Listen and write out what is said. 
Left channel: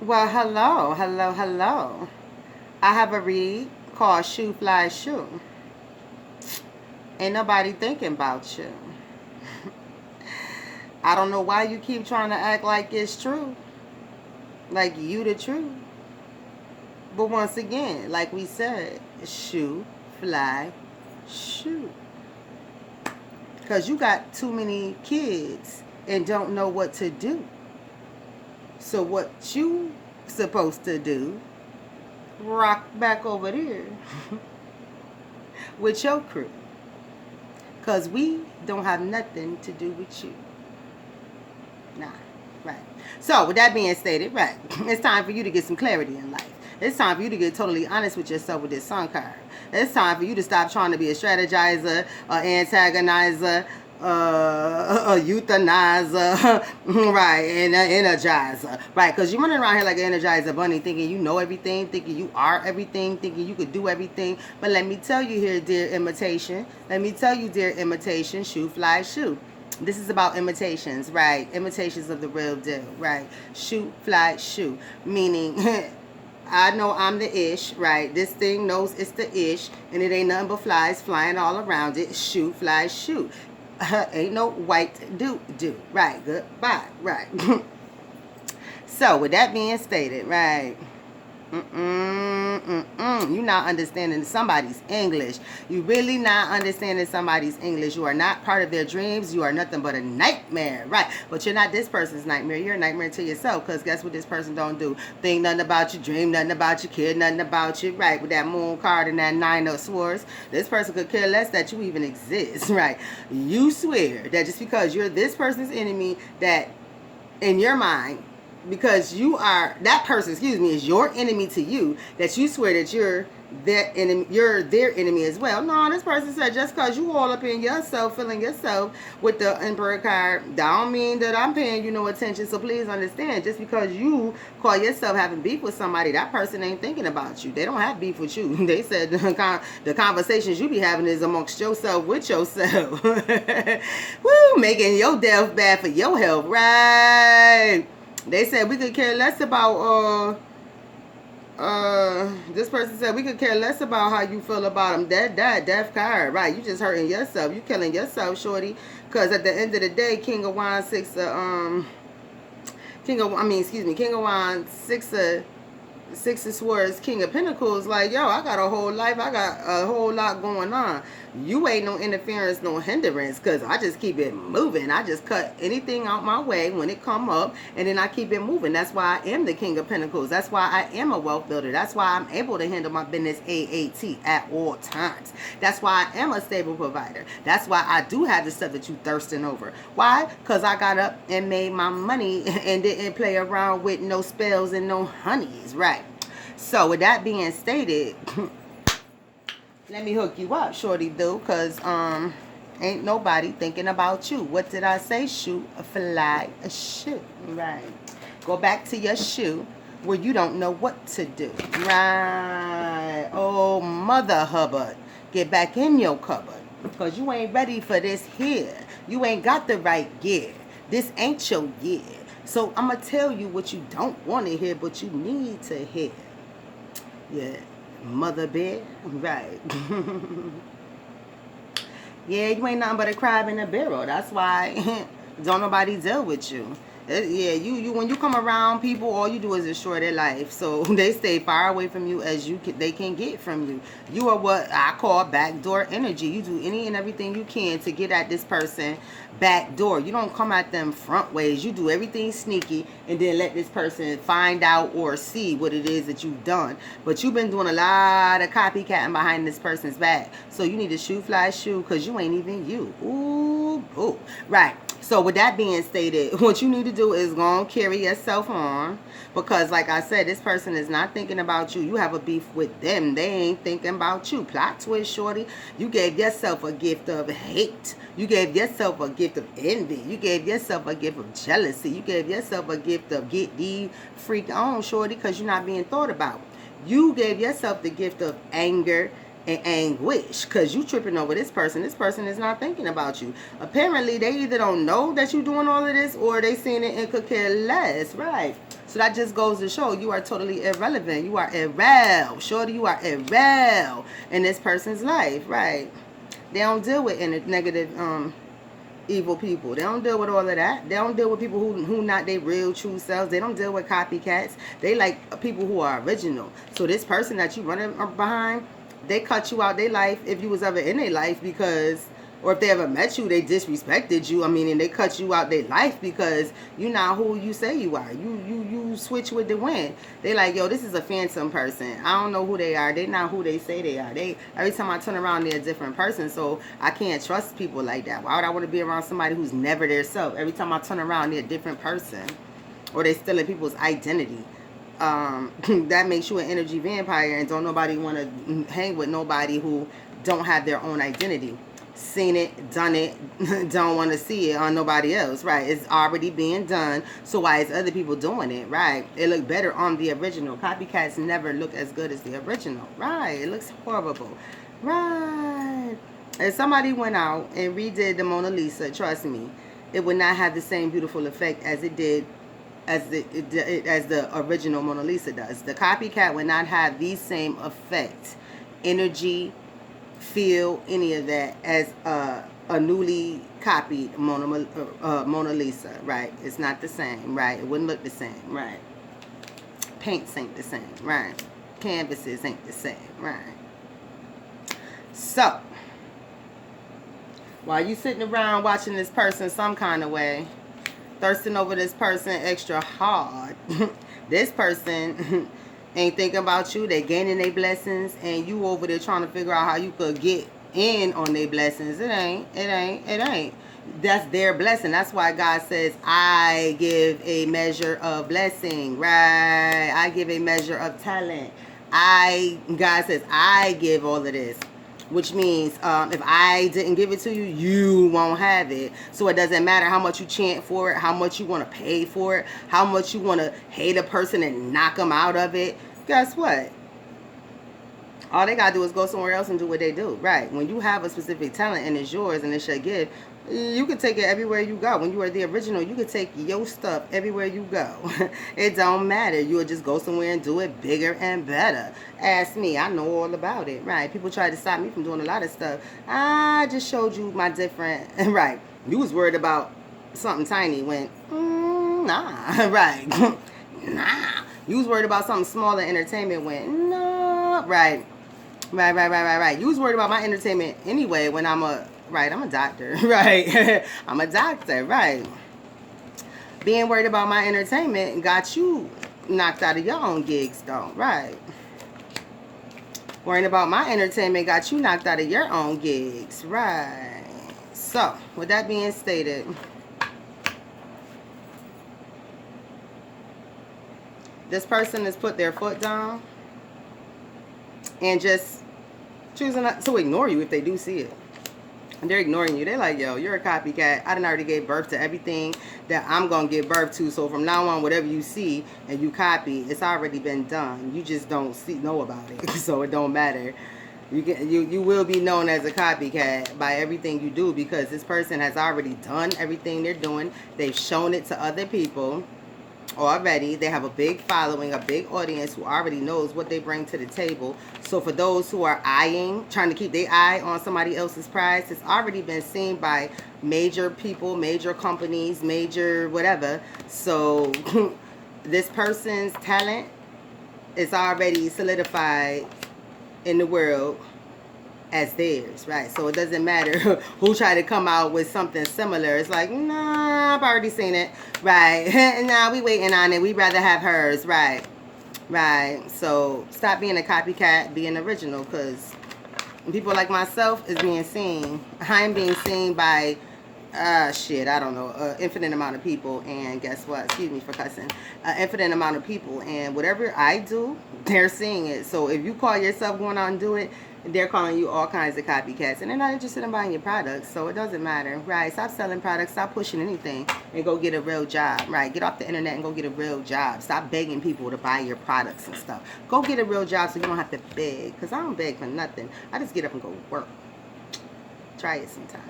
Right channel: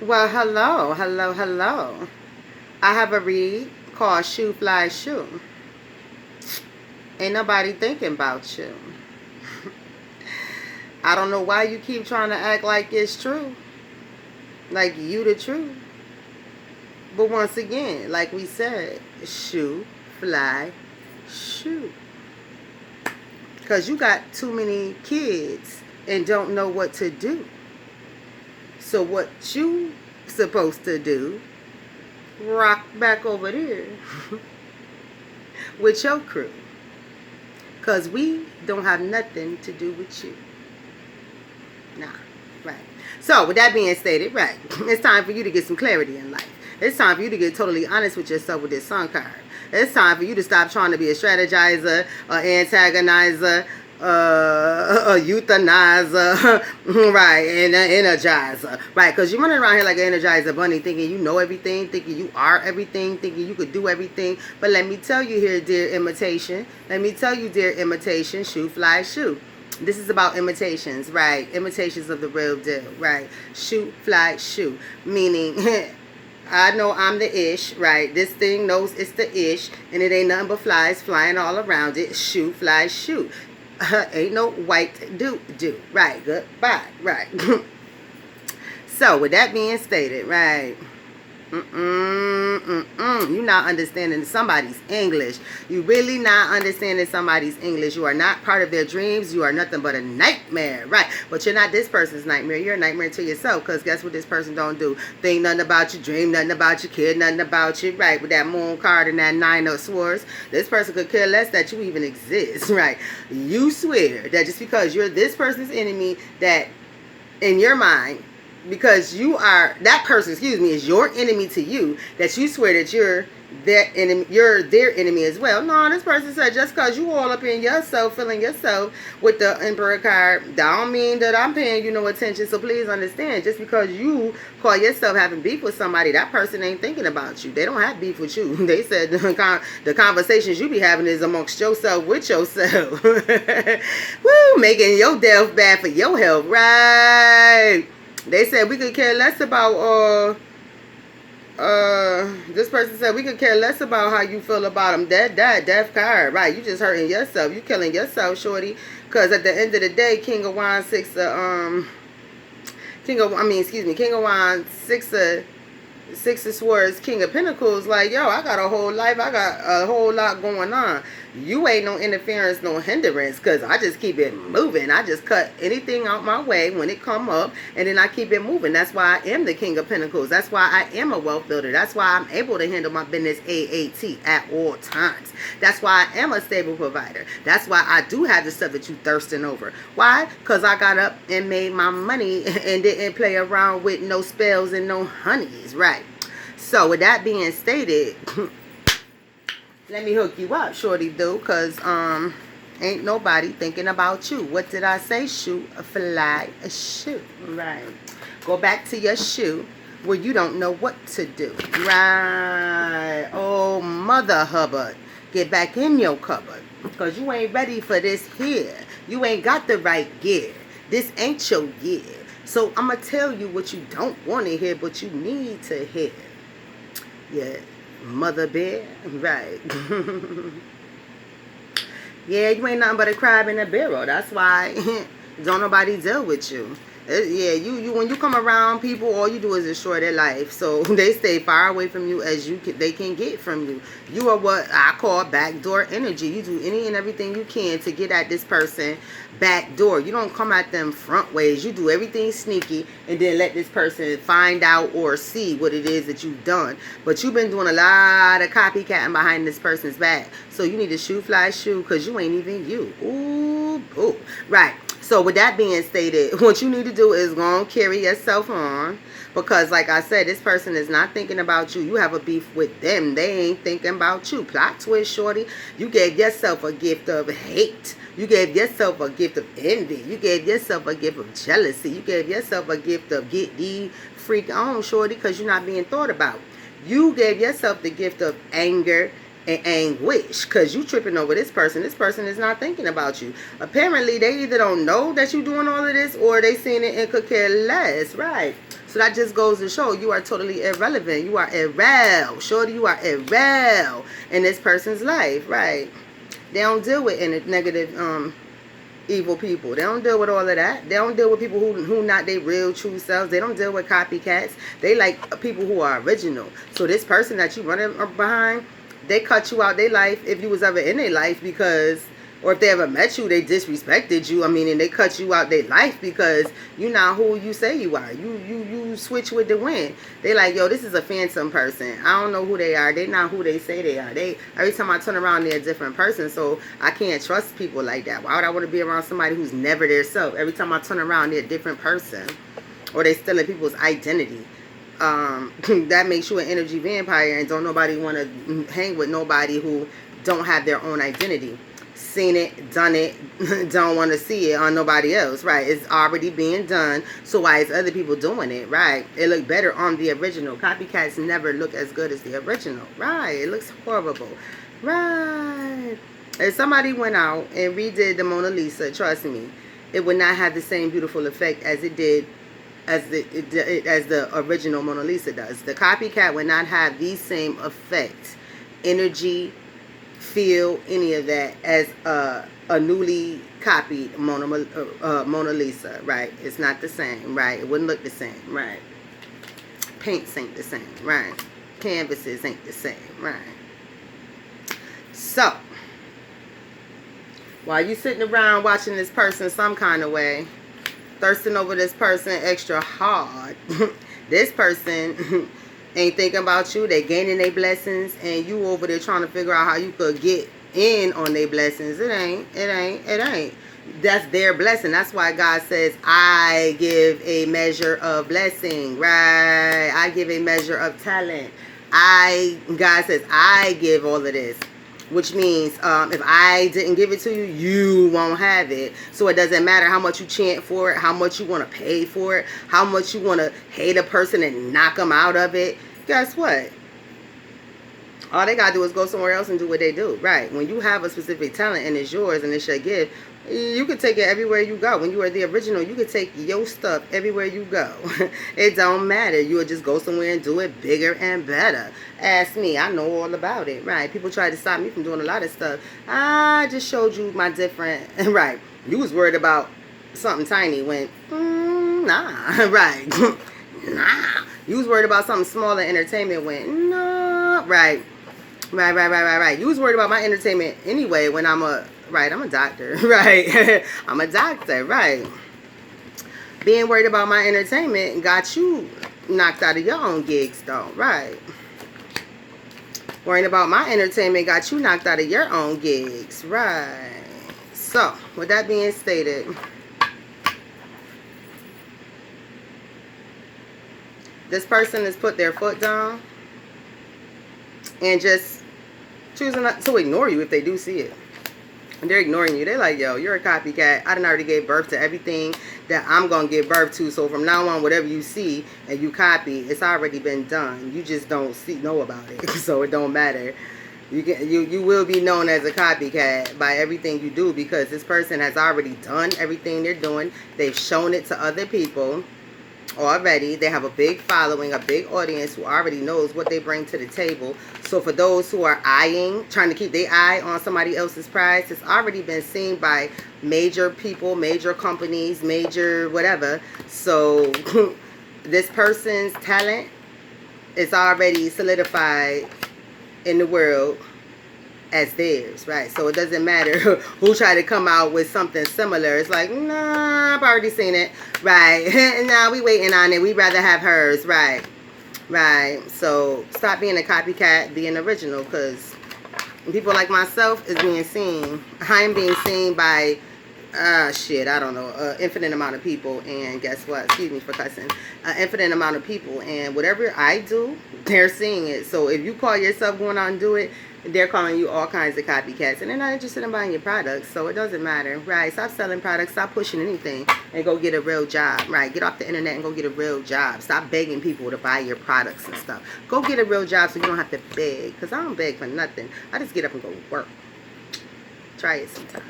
Well, hello, hello, hello. I have a read called Shoo Fly Shoo. Ain't nobody thinking about you. I don't know why you keep trying to act like it's true. Like you the truth. But once again, like we said, shoo, fly, shoo. Because you got too many kids and don't know what to do. So what you supposed to do, rock back over there with your crew. Because we don't have nothing to do with you. Nah, right. So, with that being stated, right, it's time for you to get some clarity in life. It's time for you to get totally honest with yourself with this sun card. It's time for you to stop trying to be a strategizer, an antagonizer, a euthanizer, right, and an energizer, right? Because you're running around here like an energizer bunny thinking you know everything, thinking you are everything, thinking you could do everything. But let me tell you here, dear imitation. Let me tell you, dear imitation, shoo, fly, shoo. This is about imitations, right? Imitations of the real deal, right? Shoot, fly, shoot. Meaning, I know I'm the ish, right? This thing knows it's the ish, and it ain't nothing but flies flying all around it. Shoot, fly, shoot. Ain't no white do, right? Goodbye, right? So, with that being stated, right? You're not understanding somebody's English. You really not understanding somebody's English. You are not part of their dreams. You are nothing but a nightmare, right? But you're not this person's nightmare. You're a nightmare to yourself. Because guess what this person don't do? Think nothing about you, dream nothing about you, care nothing about you, right? With that moon card and that nine of swords, this person could care less that you even exist, right? You swear that just because you're this person's enemy, that in your mind, because you are that person, is your enemy to you, that you swear that you're their enemy as well. No, this person said just because you all up in yourself, feeling yourself with the Emperor card, that don't mean that I'm paying you no attention. So please understand, just because you call yourself having beef with somebody, that person ain't thinking about you. They don't have beef with you. They said the conversations you be having is amongst yourself with yourself. Woo, making your death bad for your health, right? They said we could care less about this person said we could care less about how you feel about them. Death card, right? You just hurting yourself. You killing yourself, shorty. Because at the end of the day, King of Wands, King of Wands, Six of Swords, King of Pentacles. Like, yo, I got a whole life. I got a whole lot going on. You ain't no interference, no hindrance, because I just keep it moving. I just cut anything out my way when it come up, and then I keep it moving. That's why I am the King of Pentacles. That's why I am a wealth builder. That's why I'm able to handle my business AAT at all times. That's why I am a stable provider. That's why I do have the stuff that you thirsting over. Why? Because I got up and made my money and didn't play around with no spells and no honeys, right? So with that being stated, let me hook you up, shorty do, because ain't nobody thinking about you. What did I say? Shoot, fly, shoot. Right. Go back to your shoe where you don't know what to do. Right. Oh, Mother Hubbard. Get back in your cupboard, because you ain't ready for this here. You ain't got the right gear. This ain't your year. So I'm going to tell you what you don't want to hear, but you need to hear. Yeah. Mother bear, right? Yeah, you ain't nothing but a crab in a barrel. That's why don't nobody deal with you. Yeah, you when you come around people, all you do is destroy their life. So they stay far away from you as they can get from you. You are what I call backdoor energy. You do any and everything you can to get at this person back door. You don't come at them front ways. You do everything sneaky and then let this person find out or see what it is that you've done. But you've been doing a lot of copycatting behind this person's back. So you need to shoot, fly, shoot, because you ain't even you. Ooh. Right. So with that being stated, what you need to do is go and carry yourself on. Because like I said, this person is not thinking about you. You have a beef with them. They ain't thinking about you. Plot twist, shorty. You gave yourself a gift of hate. You gave yourself a gift of envy. You gave yourself a gift of jealousy. You gave yourself a gift of get the freak on, shorty, because you're not being thought about. You gave yourself the gift of anger and anguish because you tripping over this person. This person is not thinking about you. Apparently, they either don't know that you're doing all of this or they seen it and could care less, right? So that just goes to show you are totally irrelevant. You are irrel. Shorty, you are irrel in this person's life, right? They don't deal with any negative, evil people. They don't deal with all of that. They don't deal with people who not their real true selves. They don't deal with copycats. They like people who are original. So this person that you running behind, they cut you out their life if you was ever in their life, because, or if they ever met you, they disrespected you. I mean, and they cut you out their life because you're not who you say you are. You switch with the wind. They like, yo, this is a phantom person. I don't know who they are. They not who they say they are. Every time I turn around, they're a different person. So I can't trust people like that. Why would I want to be around somebody who's never their self? Every time I turn around, they're a different person, or they stealing people's identity. That makes you an energy vampire, and don't nobody want to hang with nobody who don't have their own identity. Seen it, done it, don't want to see it on nobody else, right? It's already being done, so why is other people doing it, right? It look better on the original. Copycats never look as good as the original, right? It looks horrible, right? If somebody went out and redid the Mona Lisa, trust me, it would not have the same beautiful effect as it did, as the original Mona Lisa does. The copycat would not have the same effect, energy, feel, any of that as a newly copied Mona Lisa, right? It's not the same, right? It wouldn't look the same, right? Paints ain't the same, right? Canvases ain't the same, right? So, while you sitting around watching this person some kind of way, thirsting over this person extra hard, this person ain't thinking about you. They gaining their blessings, and you over there trying to figure out how you could get in on their blessings. It ain't. That's their blessing. That's why God says, I give a measure of blessing, right? I give a measure of talent. God says, I give all of this. Which means if I didn't give it to you, you won't have it. So it doesn't matter how much you chant for it, how much you want to pay for it, how much you want to hate a person and knock them out of it. Guess what? All they got to do is go somewhere else and do what they do. Right. When you have a specific talent and it's yours and it's your gift, you can take it everywhere you go. When you are the original, you can take your stuff everywhere you go. It don't matter. You'll just go somewhere and do it bigger and better. Ask me. I know all about it. Right. People try to stop me from doing a lot of stuff. I just showed you my different. Right. You was worried about something tiny when, nah. Right. Nah. You was worried about something small in entertainment when, nah. Right. Right. You was worried about my entertainment anyway when I'm a doctor, right? I'm a doctor, right? Being worried about my entertainment got you knocked out of your own gigs, though, right? Worrying about my entertainment got you knocked out of your own gigs, right? So, with that being stated, this person has put their foot down and just choosing not to ignore you if they do see it. And they're ignoring you. They're like, yo, you're a copycat. I done already gave birth to everything that I'm going to give birth to. So from now on, whatever you see and you copy, it's already been done. You just don't know about it. So it don't matter. You will be known as a copycat by everything you do, because this person has already done everything they're doing. They've shown it to other people already. They have a big following, a big audience who already knows what they bring to the table. So for those who are trying to keep their eye on somebody else's prize, it's already been seen by major people, major companies, major whatever. So this person's talent is already solidified in the world as theirs, right? So it doesn't matter who try to come out with something similar. It's like, nah, I've already seen it, right? Nah, we waiting on it. We'd rather have hers, right? Right. So stop being a copycat, be an original, because people like myself is being seen. I'm being seen by I don't know, infinite amount of people. And guess what? Excuse me for cussing. Infinite amount of people, and whatever I do, they're seeing it. So if you call yourself going out and do it, they're calling you all kinds of copycats, and they're not interested in buying your products. So it doesn't matter, right? Stop selling products, stop pushing anything, and go get a real job, right? Get off the internet and go get a real job. Stop begging people to buy your products and stuff. Go get a real job so you don't have to beg, because I don't beg for nothing. I just get up and go work. Try it sometime.